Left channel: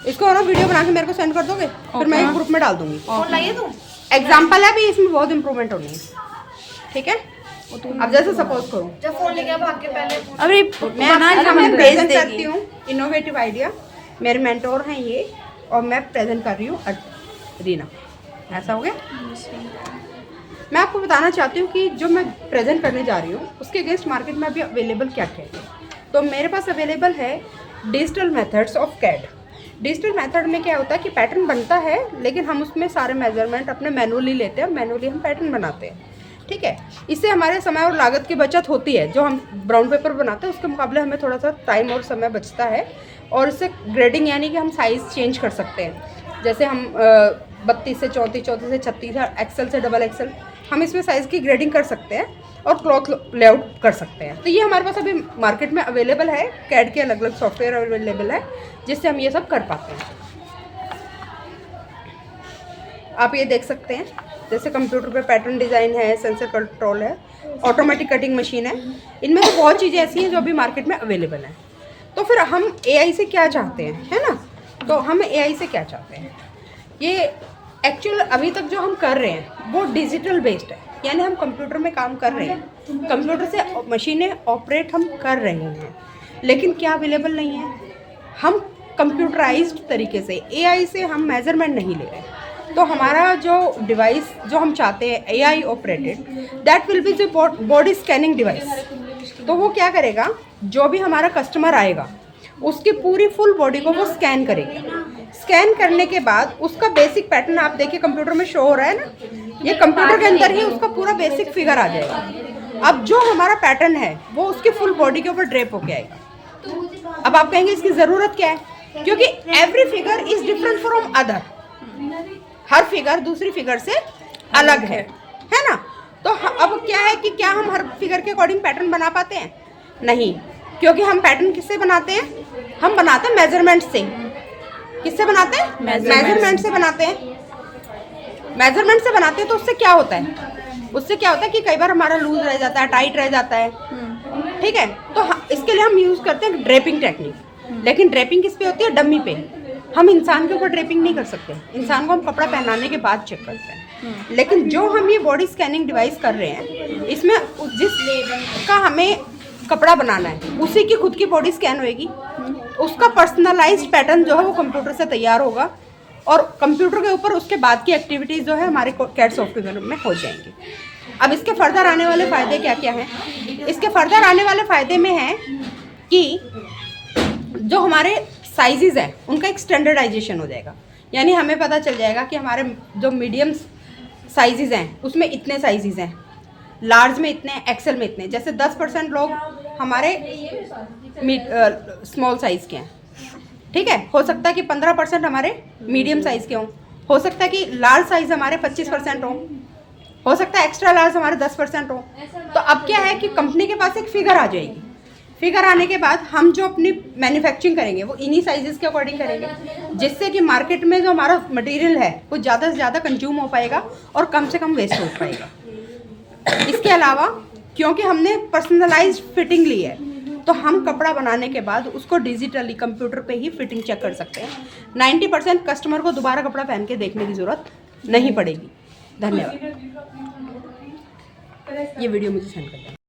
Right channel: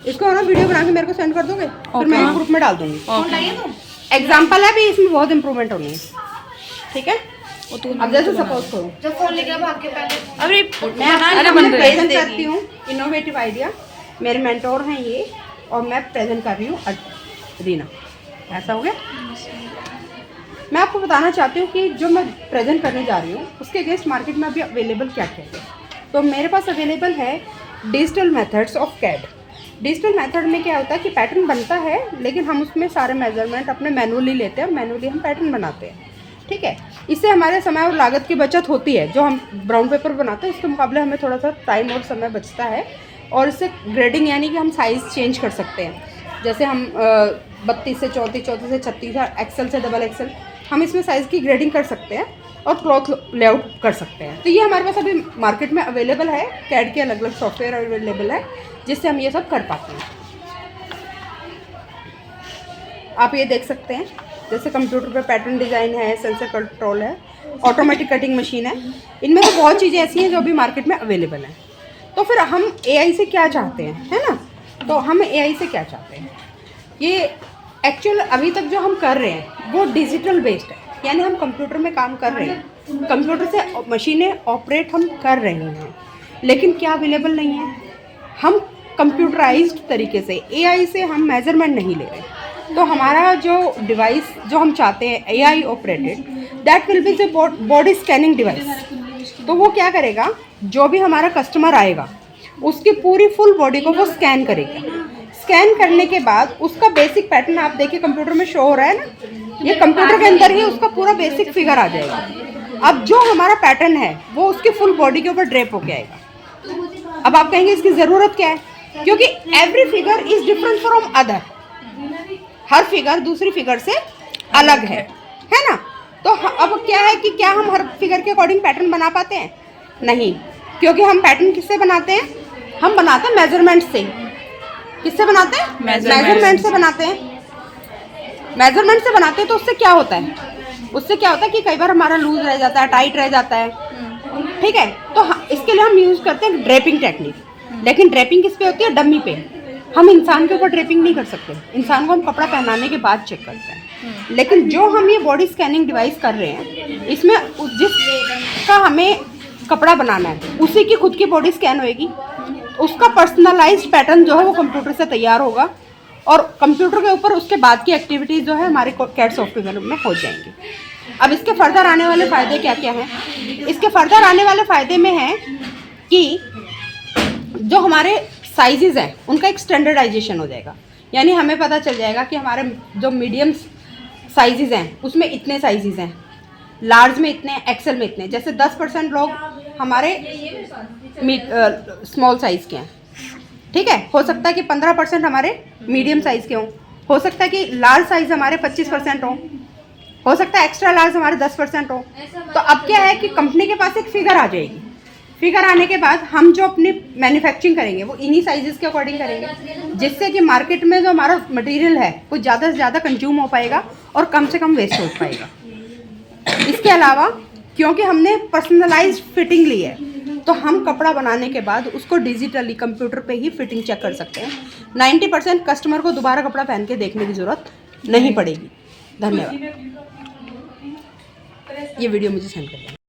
इसको ना वीडियो बना के मेरे को सेंड कर दोगे, फिर मैं ग्रुप में डाल दूंगी। एग्जाम्पल है भी, इसमें बहुत इंप्रूवमेंट होनी है, ठीक है। अब जैसे सपोज करो जब फोन लेके भाग के पहले अरे मैं प्रेजेंट करती हूँ इनोवेटिव आइडिया, मेरे मेंटोर हैं ये, और मैं प्रेजेंट कर रही हूँ रीना। ऐसा हो गया। मैं आपको बताना चाहती हूँ कि जो मैं प्रेजेंट करने जा रही हूँ उसके अगेंस्ट मार्केट में अभी अवेलेबल क्या क्या है। तो मेरे पास अवेलेबल है digital methods of CAD. Digital method में क्या होता है कि पैटर्न बनता है, लेकिन हम उसमें सारे मेजरमेंट अपने मैनुअली लेते हैं और मैनुअली हम पैटर्न बनाते हैं, ठीक है। इससे हमारे समय और लागत की बचत होती है। जो हम ब्राउन पेपर बनाते हैं उसके मुकाबले हमें थोड़ा सा टाइम और समय बचता है। और इससे ग्रेडिंग यानी कि हम साइज़ चेंज कर सकते हैं। जैसे हम 32 से 34, 34 से 36, एक्सेल से डबल एक्सेल, हम इसमें साइज़ की ग्रेडिंग कर सकते हैं और क्लॉथ लेआउट कर सकते हैं। तो ये हमारे पास अभी मार्केट में अवेलेबल है। कैड के अलग अलग सॉफ्टवेयर अवेलेबल है जिससे हम ये सब कर पाते हैं। आप ये देख सकते हैं, जैसे कंप्यूटर पे पैटर्न डिज़ाइन है, सेंसर कंट्रोल है, ऑटोमेटिक कटिंग मशीन है। इनमें तो बहुत चीज़ें ऐसी हैं जो अभी मार्केट में अवेलेबल हैं। तो फिर हम एआई से क्या चाहते हैं, है ना। तो हम एआई से क्या चाहते हैं, ये एक्चुअल अभी तक जो हम कर रहे हैं वो डिजिटल बेस्ड है, यानी हम कंप्यूटर में काम कर रहे हैं, कंप्यूटर से मशीनें ऑपरेट हम कर रहे हैं, लेकिन क्या अवेलेबल नहीं है, हम कंप्यूटराइज्ड तरीके से एआई से हम मेजरमेंट नहीं ले रहे। तो हमारा जो डिवाइस जो हम चाहते हैं AI operated, that will be the body scanning device. तो वो क्या करेगा, जो भी हमारा कस्टमर आएगा उसकी पूरी फुल बॉडी को वो स्कैन करेगा। स्कैन करने के बाद उसका बेसिक पैटर्न आप देखिए कंप्यूटर में शो हो रहा है ना, ये कंप्यूटर के अंदर ही उसका पूरा बेसिक फिगर आ जाएगा। अब जो हमारा पैटर्न है वो उसकी फुल बॉडी के ऊपर ड्रेप होके आएगा। अब आप कहेंगे इसकी ज़रूरत क्या है, क्योंकि every figure is different from other. Her figure दूसरी फिगर से अलग है ना। तो अब क्या है कि क्या हम हर फिगर के अकॉर्डिंग पैटर्न बना पाते हैं? नहीं, क्योंकि हम पैटर्न किससे बनाते हैं, हम बनाते हैं मेजरमेंट से। किससे बनाते हैं? मेजरमेंट से बनाते हैं। मेजरमेंट से बनाते हैं तो उससे क्या होता है, उससे क्या होता है कि कई बार हमारा लूज रह जाता है, टाइट रह जाता है, ठीक है। तो इसके लिए हम यूज़ करते हैं ड्रेपिंग टेक्निक। लेकिन ड्रेपिंग किस पे होती है? डमी पे। हम इंसान के ऊपर ड्रेपिंग नहीं कर सकते, इंसान को हम कपड़ा पहनाने के बाद चेक करते हैं। लेकिन जो हम ये बॉडी स्कैनिंग डिवाइस कर रहे हैं, इसमें जिसका हमें कपड़ा बनाना है उसी की खुद की बॉडी स्कैन होएगी, उसका पर्सनलाइज्ड पैटर्न जो है वो कंप्यूटर से तैयार होगा, और कंप्यूटर के ऊपर उसके बाद की एक्टिविटीज़ जो है हमारे कैड सॉफ्टवेयर में हो जाएंगी। अब इसके फर्दर आने वाले फ़ायदे क्या क्या हैं? इसके फर्दर आने वाले फ़ायदे में है कि जो हमारे साइजेज़ हैं उनका एक स्टैंडर्डाइजेशन हो जाएगा। यानी हमें पता चल जाएगा कि हमारे जो मीडियम साइजेज़ हैं उसमें इतने साइजेज़ हैं, लार्ज में इतने, एक्सेल में इतने। जैसे 10% लोग हमारे स्मॉल साइज़ के हैं, ठीक है। हो सकता है कि 15% हमारे मीडियम साइज़ के हों, हो सकता है कि लार्ज साइज़ हमारे 25% हो सकता है एक्स्ट्रा लार्ज हमारे 10% हो। तो अब क्या है कि कंपनी के पास एक फिगर आ जाएगी। फिगर आने के बाद हम जो अपनी मैन्युफैक्चरिंग करेंगे वो इन्हीं साइजेस के अकॉर्डिंग करेंगे, जिससे कि मार्केट में जो हमारा मटेरियल है वो ज़्यादा से ज़्यादा कंज्यूम हो पाएगा और कम से कम वेस्ट हो पाएगा। इसके अलावा क्योंकि हमने पर्सनलाइज्ड फिटिंग ली है, तो हम कपड़ा बनाने के बाद उसको डिजिटली कंप्यूटर पे ही फिटिंग चेक कर सकते हैं। 90% कस्टमर को दोबारा कपड़ा पहन के देखने की ज़रूरत नहीं पड़ेगी। धन्यवाद। ये वीडियो मुझे सेंड कर दें।